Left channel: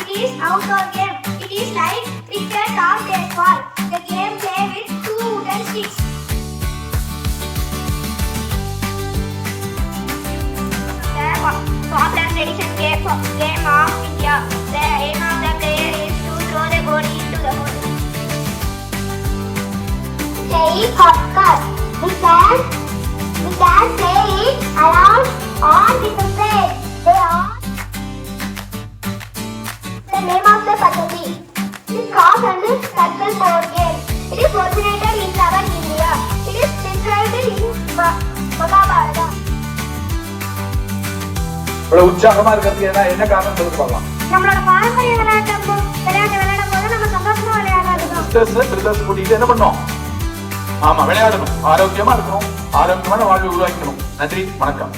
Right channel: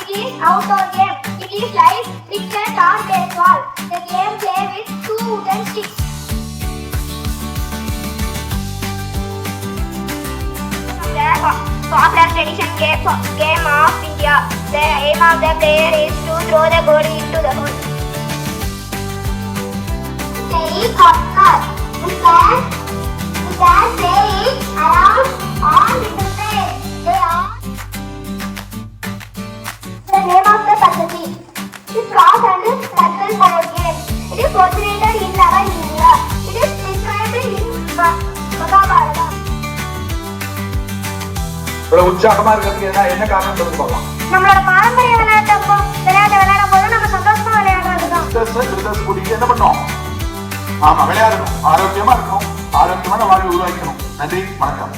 It is outdoor game. It is like cricket or baseball. The game play with 2 wooden sticks. The popular tradition game of India. The aim of the player is to throw the goal into the hole. Playing hopscotch. We can play it around on different places. They are the name of the facility. It is cross and circle board game. It is originated in our India. It is described in Mahabharata. உற்சாகமா இருக்கிறதுனா என்ன காரணம் சொல்லுவாங்க? நம்மளோட பாரம்பரிய விளையாட்டு விளையாடும் போது நம்ம சந்தோஷமா விளையாடுறோம். கூட்டிட்டு என்ன பண்ணோம்? ஆமா, விளையாடணும், ஆரோக்கியமா இருக்கணும், ஆரோக்கியமான வாழ்வை உருவாக்கணும். நன்றி, வணக்கம்.